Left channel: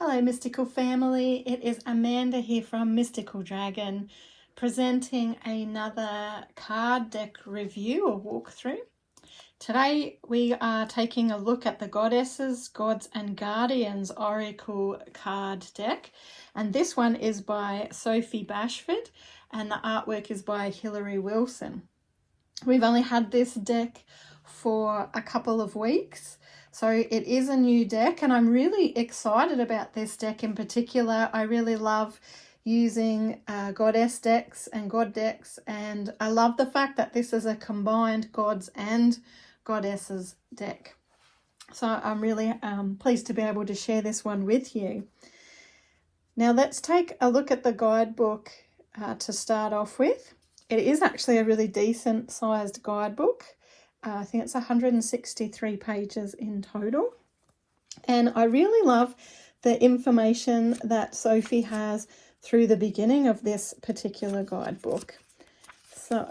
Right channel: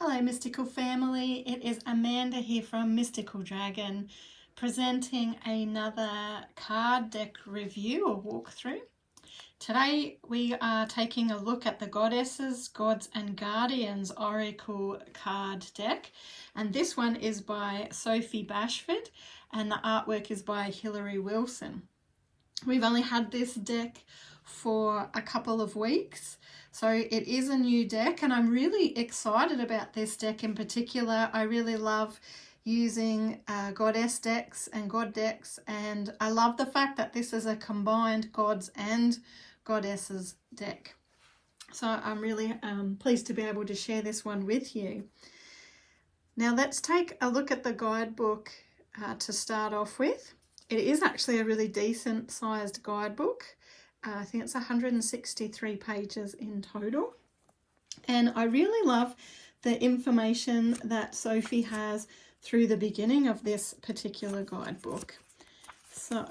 Hello Mystical family, it is Amanda here from Mystical Dragon presenting another card deck review or walkthrough. Today we are taking a look at the Goddesses, Gods and Guardians Oracle card deck, and this one is by Sophie Bashford and the artwork is by Hilary Wilson. We've only had this deck for a couple of weeks, so it is a new deck and I'm really excited about this deck in particular. I really love using goddess decks and god decks, and I love the fact that this is a combined gods and goddesses deck. So I'm really pleased to be able to share this one with you. Now let's take a look at the guidebook to start off with. It is actually a really decent sized guidebook. I think it's 163 pages in total. And I really love the information that Sophie has through the beginning of this particular guidebook. So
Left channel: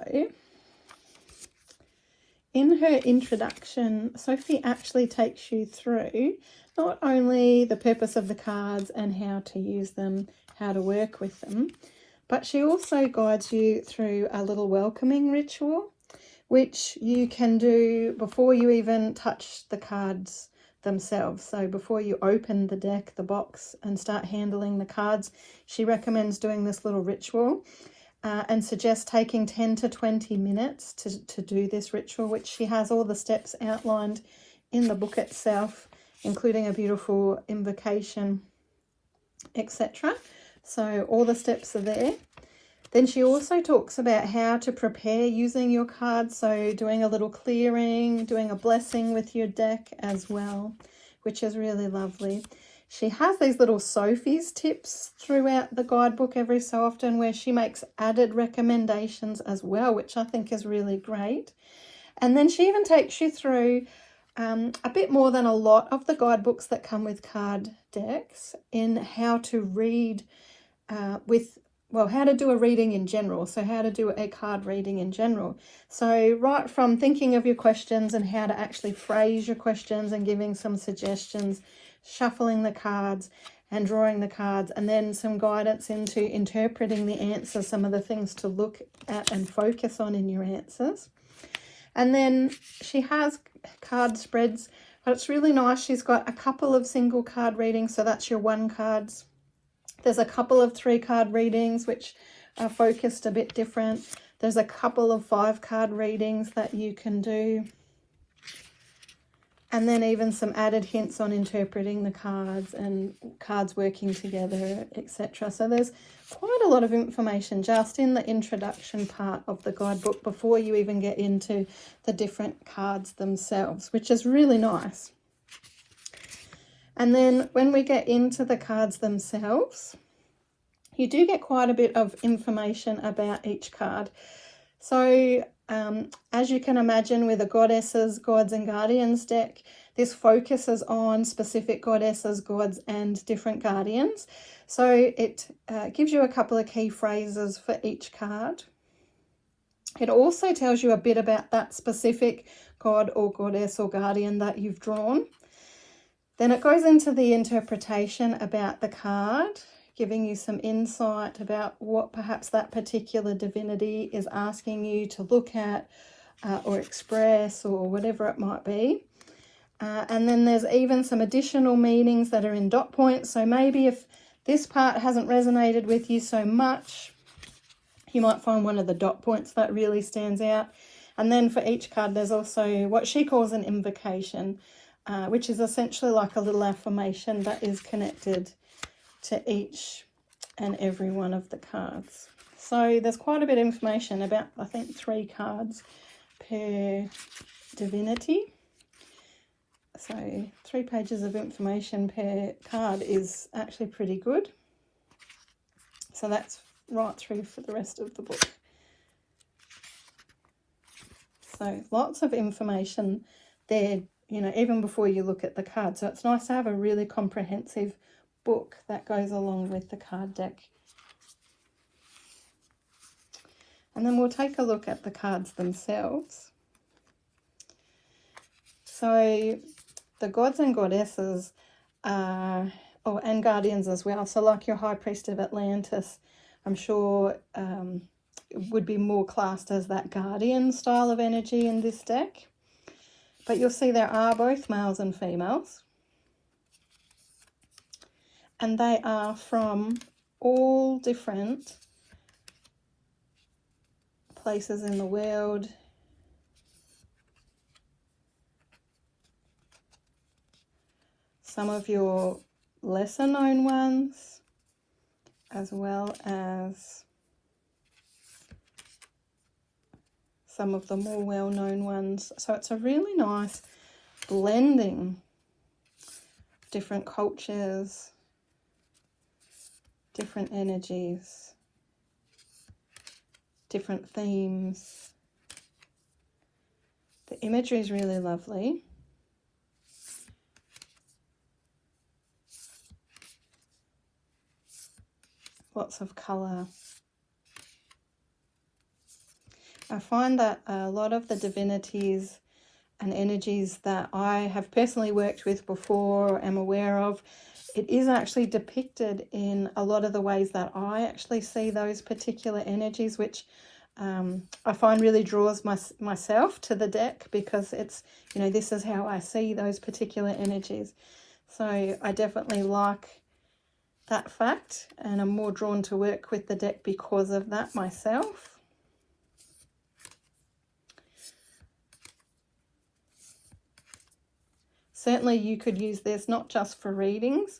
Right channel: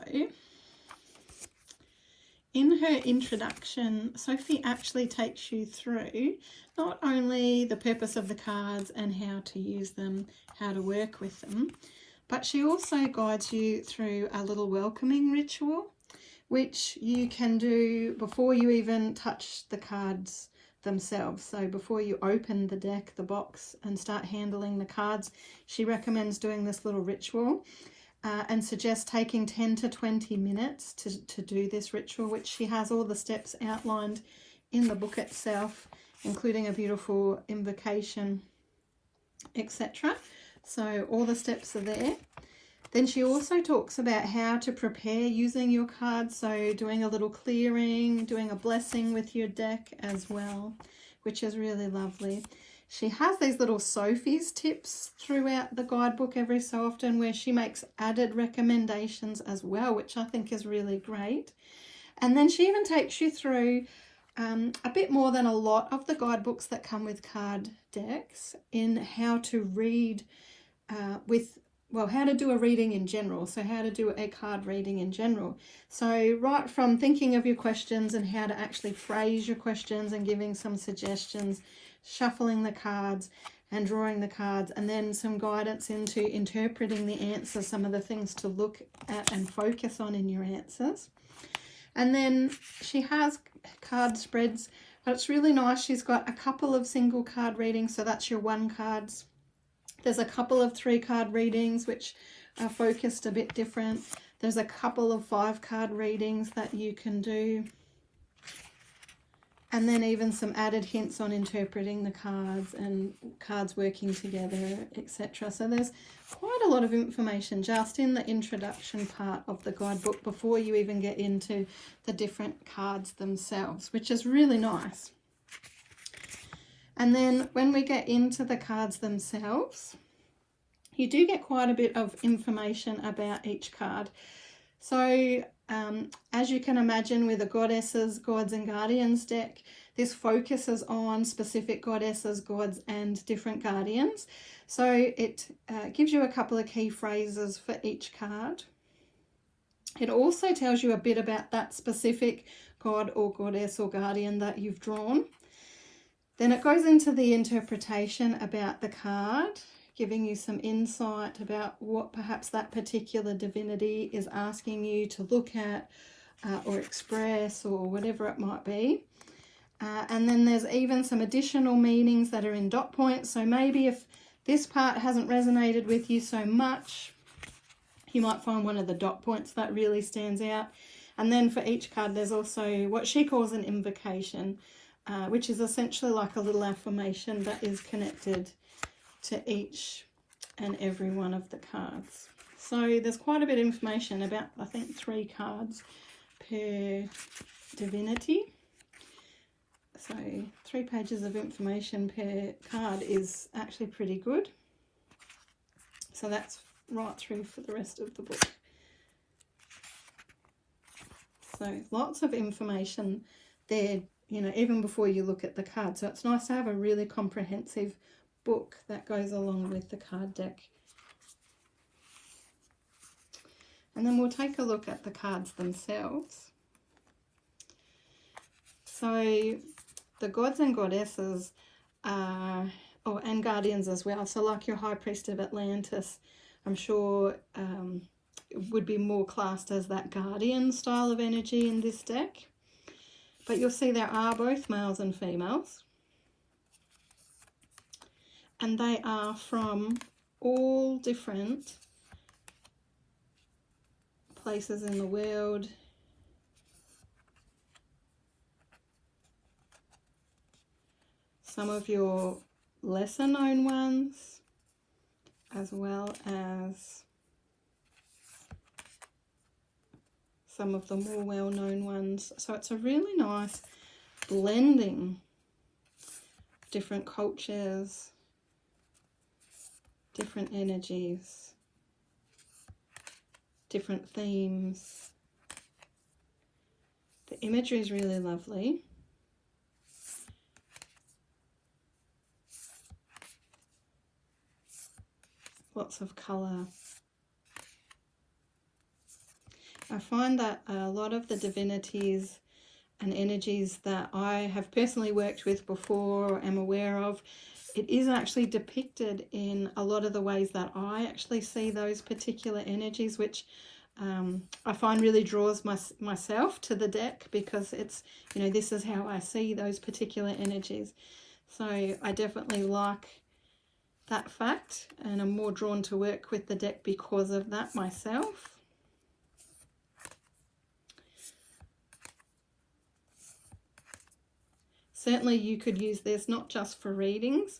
in her introduction, Sophie actually takes you through not only the purpose of the cards and how to use them, how to work with them, but she also guides you through a little welcoming ritual, which you can do before you even touch the cards themselves. So before you open the deck, the box, and start handling the cards, she recommends doing this little ritual and suggests taking 10 to 20 minutes to do this ritual, which she has all the steps outlined in the book itself, including a beautiful invocation, etc. So all the steps are there. Then she also talks about how to prepare using your cards, so doing a little clearing, doing a blessing with your deck as well, which is really lovely. She has these little Sophie's tips throughout the guidebook every so often where she makes added recommendations as well, which I think is really great. And then she even takes you through a bit more than a lot of the guidebooks that come with card decks in how to read how to do a reading in general. So how to do a card reading in general. So right from thinking of your questions and how to actually phrase your questions and giving some suggestions, shuffling the cards and drawing the cards, and then some guidance into interpreting the answers, some of the things to look at and focus on in your answers. And then she has card spreads, but it's really nice. She's got a couple of single card readings, so that's your 1 cards. There's a couple of 3 card readings which are focused a bit different. There's a couple of 5 card readings that you can do. And then even some added hints on interpreting the cards and cards working together, etc. So there's quite a lot of information just in the introduction part of the guidebook before you even get into the different cards themselves, which is really nice. And then when we get into the cards themselves, you do get quite a bit of information about each card. So as you can imagine with the Goddesses, Gods and Guardians deck, this focuses on specific goddesses, gods and different guardians. So it gives you a couple of key phrases for each card. It also tells you a bit about that specific god or goddess or guardian that you've drawn. Then it goes into the interpretation about the card, giving you some insight about what perhaps that particular divinity is asking you to look at or express or whatever it might be. And then there's even some additional meanings that are in dot points. So maybe if this part hasn't resonated with you so much, you might find one of the dot points that really stands out. And then for each card, there's also what she calls an invocation, which is essentially like a little affirmation that is connected to each and every one of the cards. So there's quite a bit of information, about I think 3 cards per divinity. So 3 pages of information per card is actually pretty good. So that's right through for the rest of the book. So lots of information there, you know, even before you look at the card. So it's nice to have a really comprehensive book that goes along with the card deck. And then we'll take a look at the cards themselves. So the gods and goddesses are Oh, and guardians as well. So like your High Priest of Atlantis, I'm sure would be more classed as that guardian style of energy in this deck. But you'll see there are both males and females. And they are from all different places in the world. Some of your lesser known ones, as well as some of the more well-known ones. So it's a really nice blending of different cultures, different energies, different themes. The imagery is really lovely. Lots of colour. I find that a lot of the divinities and energies that I have personally worked with before or am aware of, it is actually depicted in a lot of the ways that I actually see those particular energies, which I find really draws myself to the deck, because it's, you know, this is how I see those particular energies. So I definitely like that fact, and I'm more drawn to work with the deck because of that myself. Certainly you could use this not just for readings,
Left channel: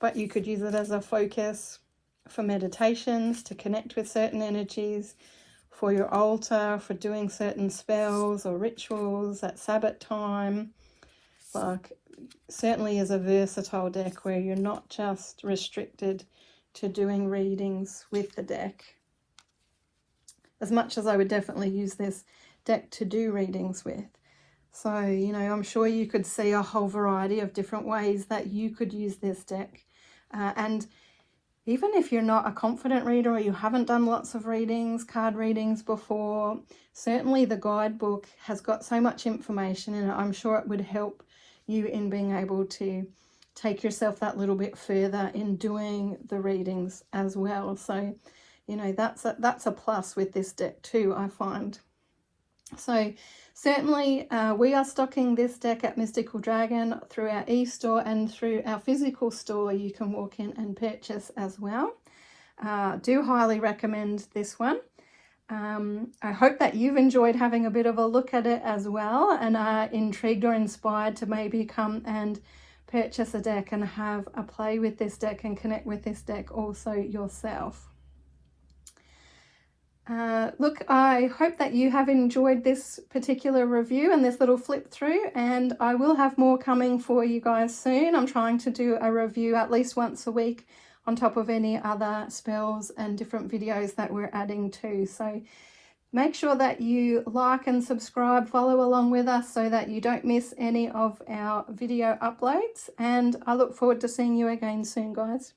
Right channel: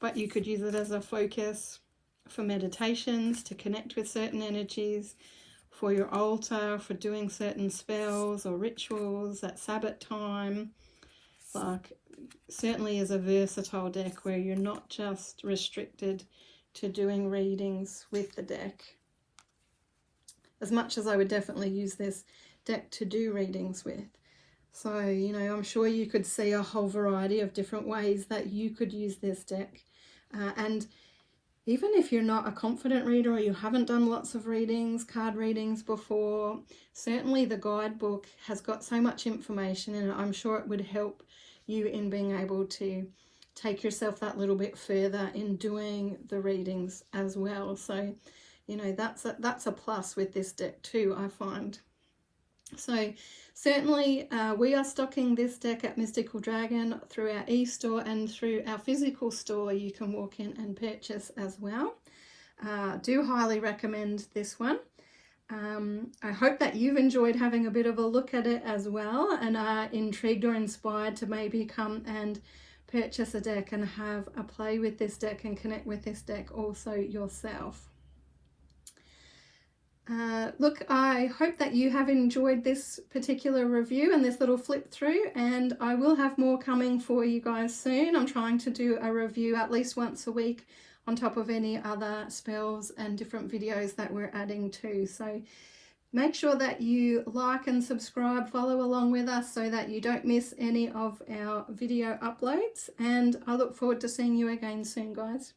but you could use it as a focus for meditations, to connect with certain energies, for your altar, for doing certain spells or rituals at Sabbath time. Like, certainly is a versatile deck where you're not just restricted to doing readings with the deck. As much as I would definitely use this deck to do readings with. So, you know, I'm sure you could see a whole variety of different ways that you could use this deck. And even if you're not a confident reader or you haven't done lots of readings, card readings before, certainly the guidebook has got so much information in it. I'm sure it would help you in being able to take yourself that little bit further in doing the readings as well. So, you know, that's a plus with this deck too, I find. So certainly we are stocking this deck at Mystical Dragon through our e-store, and through our physical store you can walk in and purchase as well. Do highly recommend this one. I hope that you've enjoyed having a bit of a look at it as well, and are intrigued or inspired to maybe come and purchase a deck and have a play with this deck and connect with this deck also yourself. Look, I hope that you have enjoyed this particular review and this little flip through, and I will have more coming for you guys soon. I'm trying to do a review at least once a week on top of any other spells and different videos that we're adding to. So make sure that you like and subscribe, follow along with us so that you don't miss any of our video uploads, and I look forward to seeing you again soon, guys.